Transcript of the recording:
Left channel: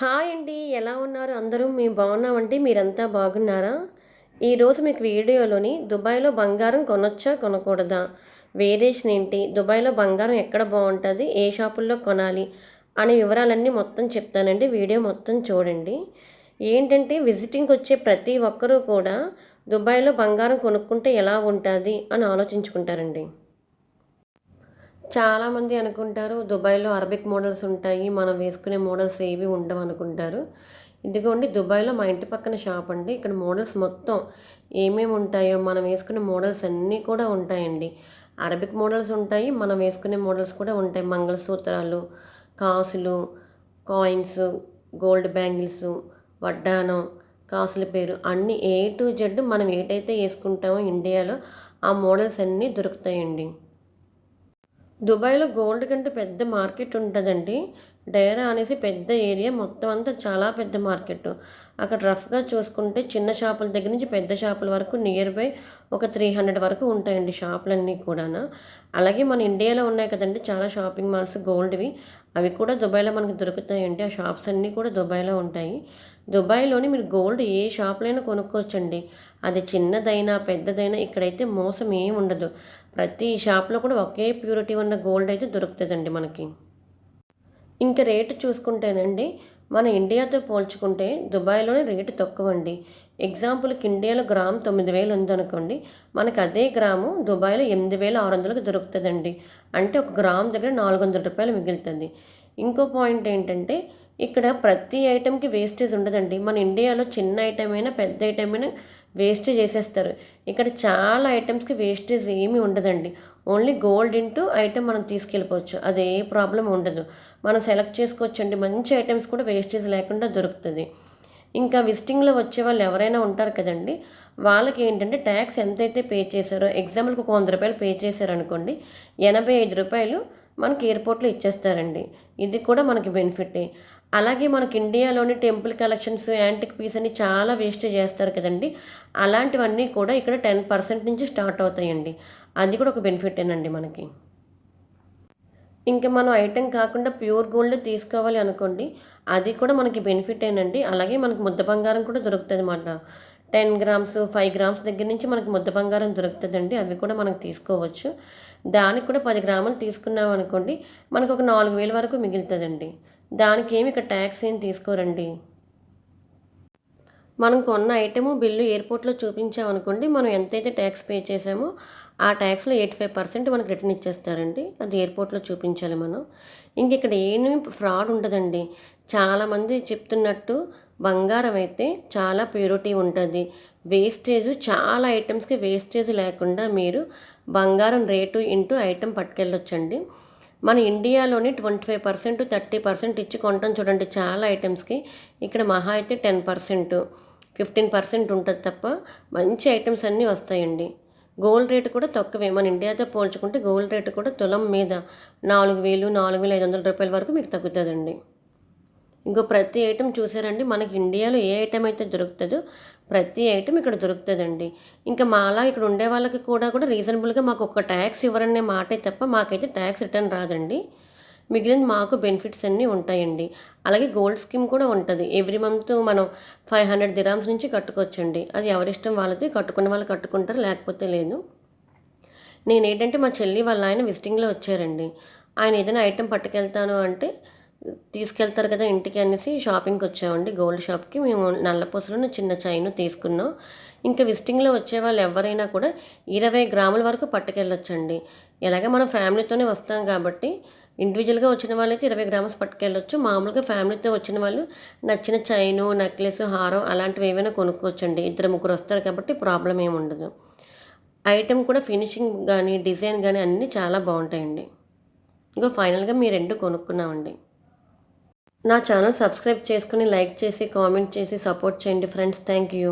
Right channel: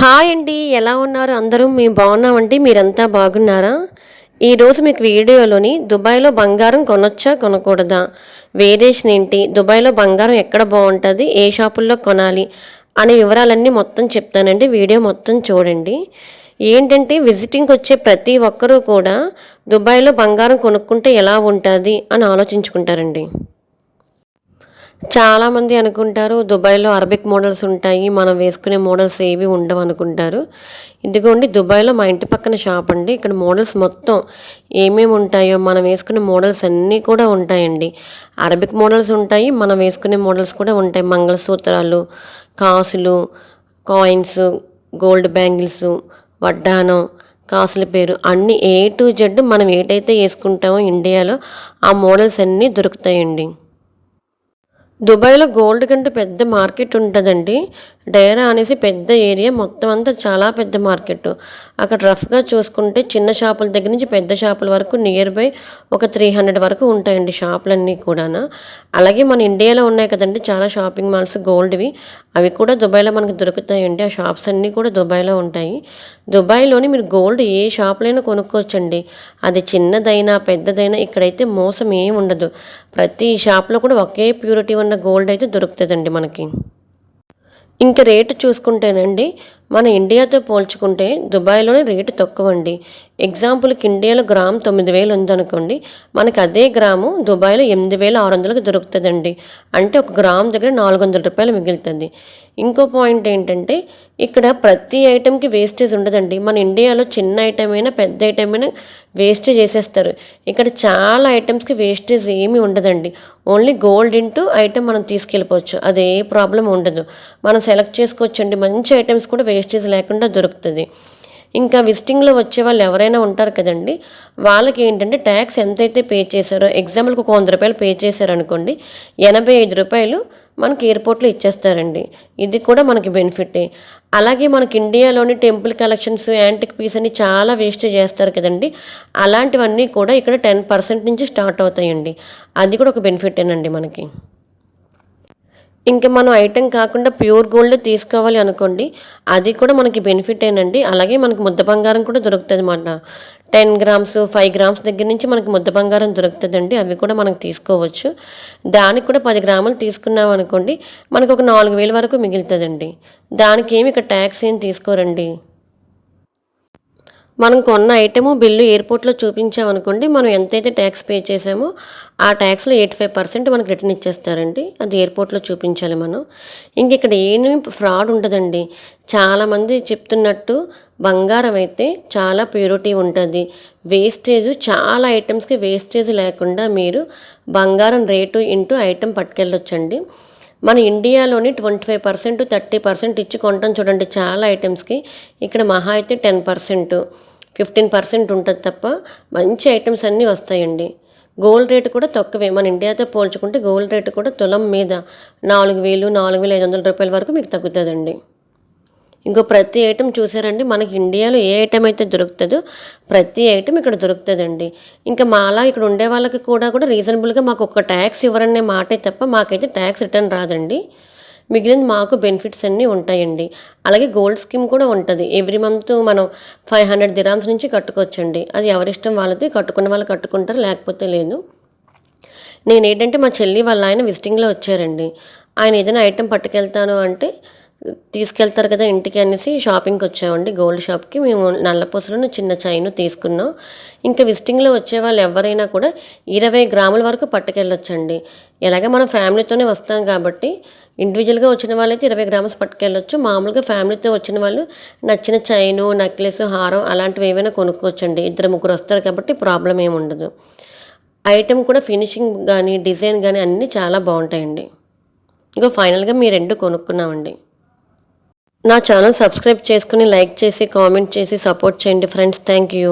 Hi అండి ఎలా ఉన్నారు? అందరూ మేము బాగున్నామండి? మీరంతా బాగున్నారా? ఈరోజు మీకు వీడియోలోని దుబాయ్లో బంగారం కొనొచ్చా కొనకూడదా? వేరియేషన్ ఏంటి? దుబాయ్లో బంగారం ఎక్కడ బాగుంటుంది? ఏ షాపుల్లో కొనాలి? అనే వివరాలన్నీ మొత్తం చెప్తానండి. వీడియో మొత్తం చూడండి. ఏంటంటే విజిటింగ్కి వచ్చే ప్రతి ఒక్కరూ కూడా దుబాయ్లో బంగారం కొనుక్కుంటే ఎలా ఉంటుంది అని ఆలోచించుకుంటారండి. చాలామంది అనుకుంటారు దుబాయ్లో అరబిక్ మోడల్స్ ఉంటాయి మనం వేసుకునే మోడల్స్ ఏవి ఉండవు అనుకుంటారు. ఇదిగోండి దుబాయ్లో మా ఇంటి పక్కన షాప్ అండి. ఇక్కడ మోడల్స్ మొత్తం ఏమేమి ఉంటాయో మనం వేసుకునే మోడల్స్ అన్నీ కూడా ఉంటాయండి. అరబిక్ మోడల్స్ ఉంటాయి మనం వేసుకునే మోడల్స్ కూడా ఉంటాయి. మంగళసూత్రాలు కాసులు కాయిన్స్ గోల్డ్ బ్యాంగిల్స్ వడ్డానం కాసుల పేరు అన్ని ఏ టు జెడ్ మనం ఏటైతే వేసుకుంటామో ఇండియాలో ఆ మోడల్స్ అన్నీ దొరుకుతాయండి. దుబాయ్లో గోల్డ్ కంటే పెద్ద మార్కెట్ ఉంటుందండి. డైరా అనేసి పెద్ద ఏరియా మొత్తం అంతా చాలా పెద్ద మార్కెట్. అక్కడ రఫ్గా చూసుకుంటే చిన్న షాపుల దగ్గర నుంచి పెద్ద షాపుల వరకు నియర్ బై ఒక త్రీ హండ్రెడ్ వరకు ఉంటాయండి షాపులన్నీ కూడా అలాగే మన ఇండియాలో ఉన్నాయి కదండి చాలా షాపింగ్ మాల్స్ గోల్డ్వి. అవి కూడా దుబాయ్లో మనకు దొరుకుతాయండి. ఆ షాప్స్ అన్నీ కూడా దుబాయ్లో ఉంటాయి. దుబాయ్లోని మీరు గోల్డ్ ఏ షాప్లైనా కొనుక్కోవచ్చండి. అది చిన్నదైనా పెద్దదైనా ఇక్కడైతే మోసం ఏం ఉండదు. ప్రతి షాప్లో కూడా ఒకే ప్యూరిటీ ఉన్న గోల్డ్ అయితే దొరుకుతుందండి మనకి. ఇంక రేటు చూసుకుంటేనండి మన ఇండియాతో పోల్చుకుంటే దుబాయ్లోనే రేటు తక్కువ అండి ఎగ్జాంపుల్కి ఇండియాలో గ్రామ్ తొమ్మిది వేలు ఉందనుకోండి మనకి అదే గ్రాము దుబాయ్లో ఎనిమిది వేల ఆరు వందలకు దొరుకుతుందండి. అంటే ఒక గ్రామ్ దగ్గర నాలుగు వందల రూపాయలు మిగులుతుంది. ఇంకో పాయింట్ ఏంటంటే ఇక్కడ ప్రతి ఐటెంకి వేస్టేజ్ ఉండదండి. మన ఇండియాలో చిన్న ఐటెం అయినా పెద్ద ఐటెం అయినా వేస్టేజ్ చేసేస్తారు. ఇక్కడ చాలా ఐటమ్స్కి వేస్టేజ్ ఏమీ ఉండదండి. ఓన్లీ గోల్డ్ ఇంటూ ఐటెం మనం తీసుకెళ్ళిపోవచ్చు. అదే ప్రాబ్లం ఉండదు. మనం సెలెక్ట్ చేసుకోవచ్చండి. మంచి ఐటమ్స్ కూడా వేస్టేజ్ లేకుండా దొరుకుతుంది. ఇంకా విజిటింగ్లో వచ్చే వాళ్ళు ఎవరైనా ఉంటారు కదండి వాళ్ళకి ఏంటంటే ట్యాక్స్ ఎంతైతే పే చేశారో ఎగ్జాంపుల్కి ఒక వంద రూపాయలు పే చేశారనుకోండి ఎనభై ఐదు రూపాయలు మనకి ఎయిర్పోర్ట్లో ఇచ్చేస్తారండి. ఇది కూడా మనకి బెనిఫిటే అలాగే మనకి ఇండియాలోని టెంపుల్ కలెక్షన్స్ యాంటిక్ పీస్ అని చాలా వేస్ట్ చేస్తారు కదండి. అలాంటివన్నీ కూడా ఇక్కడ టెన్ పర్సెంట్ నుంచి స్టార్ట్ అవుతాయండి. అది కూడా ఒక బెనిఫిటేనండి మనకి. ఇంకా మనం ఐటెం కాకుండా ప్యూర్ గోల్డ్ తీసుకోవాలి అనుకోండి అది కూడా మనకి బెనిఫిట్ ఏనండి. అలాగే మనకి ముద్ద బంగారం కూడా దొరుకుతుంది అన్నమాట. టెన్ గ్రామ్స్ ఫైవ్ గ్రామ్స్ దగ్గర నుంచి మనకి ముద్ద బంగారం దొరుకుతుందండి. అవి కూడా మనకు తీసుకోవచ్చు. దానికి కూడా పది గ్రాములు తీసుకున్నాం అనుకోండి మనకు ఒక నాలుగు వేల వరకు మిగులుతుందండి. దానికి ఏమి ఇక్కడ ట్యాక్స్ ఏం తీసుకోరండి? మనం కొన్న ఐటెము బిల్లు ఎయిర్పోర్ట్లో చూపించామనుకోండి మనం ఎంతైతే ట్యాక్స్ పే చేసామో ఆ ట్యాక్స్లో ఎయిటీ ఫైవ్ పర్సెంట్ మనకు రిటర్న్ ఇచ్చేస్తారండి. అది ఎయిర్పోర్ట్లో చూపించాలి మనం. ఇంక ఇక్కడ ఏమి ఫ్రాడ్ ఉంటుందండి చాలామంది చెప్తున్నట్టు బంగారం అయితే చాలా ప్యూరిటీ ఉంటుంది. వేస్టేజ్ చాలా ఐటమ్స్కి వేస్టేజ్ లేకుండా మీరు బంగారం రేటు ఇంటూ ఐటెం పట్టుకెళ్ళొచ్చండి. మన ఇండియాలోని twenty five percent thirty percent ఇచ్చి కొంటాం చూడండి చాలా ఐటమ్స్కి. ఇక్కడ మహా అయితే టెన్ పర్సెంట్ ఫిఫ్టీన్ పర్సెంట్ ఉంటుంది తప్ప మంచి ఐటమ్స్ అన్నీ వస్తాయండి. గోల్డ్ రేటు కూడా తక్కువే. మన ఇండియాతో పోల్చుకుంటే గోల్డ్ రేటు కూడా తులం మీద నాలుగు వేలు నాలుగు వేల ఐదు వందల రూపాయల వరకు మీకు తగ్గుతుందండి. ఇంకో ప్రతి ఐటెం చూసారండి మనకి ఇండియాలో ఏ ఐటెం అయితే దొరుకుతుందో ప్రతి ఐటెం ఇక్కడ దొరుకుతుందండి. ఇంకా మాలా ఇక్కడ ఉండే వాళ్ళకి కూడా కూడా రీజనబుల్గా మాకు ఒక ట్యాక్స్ ఇవ్వరనే మాటే తప్ప మాకైతే ట్యాక్స్ రిటర్న్ రాదండి. మిగిలిన మాకు బెనిఫిట్స్ అన్నీ ఉంటాయండి. అలాగే గోల్డ్ స్కీమ్ కూడా ఉంటుంది. ఎవ్రీ మంత్ మనం ఫైవ్ హండ్రెడ్ దిరామ్స్ నుంచి కట్టుకోవచ్చండి. అది ఎవరిష్టం వాళ్ళది కట్టుకున్న వాళ్ళు కట్టుకుంటారు లేకపోతే లేదు. నేను ఏంటంటే మా చెల్లి వాళ్ళ ఆయన విజిటింగ్లో వచ్చారండి. ఆయన ఏదైనా ఐటెం పట్టుకెళ్తాను అంటే తీసుకెళ్తారు కదా ఇంటికి అనేసి షాపింగ్కి వచ్చామండి. గోల్డ్ షాప్కి మేము నల్లపూసలను చిన్న చైన్ తీసుకున్నాం. ఇంకా విజిటింగ్లో వచ్చే వాళ్ళు ఎవరైనా కూడా ఇరవై గ్రాముల వరకు పట్టుకెళ్ళొచ్చండి. ఎలాగే మనం ఫ్యామిలీతోనే వస్తాం కాబట్టి ఇండివిజువల్గా వచ్చిన వాళ్ళైతే ఇరవై గ్రామ్స్ పట్టుకెళ్ళొచ్చు. మామూలుగా ఫ్యామిలీతో వచ్చిన వాళ్ళు నచ్చిన చైను నెక్లెస్ హారం అలాంటివి ఏవైనా కొనుక్కోవచ్చండి. ఇద్దరు ముగ్గురు వస్తారు కాబట్టి ప్రాబ్లం ఏమి ఉండదు. ఐటెం కూడా ఫినిషింగ్ కానీ డిజైన్ కానీ అన్నీ చాలా బాగుంటాయండి. ఇంకా ఫైనల్గా మీ రెండు కొనుక్కున్నామండి. నా ఛానల్ సబ్స్క్రైబ్ చేసుకుని లైక్ చేసి కామెంట్ చేసి సపోర్ట్ చేయండి ఫ్రెండ్స్. Thank you.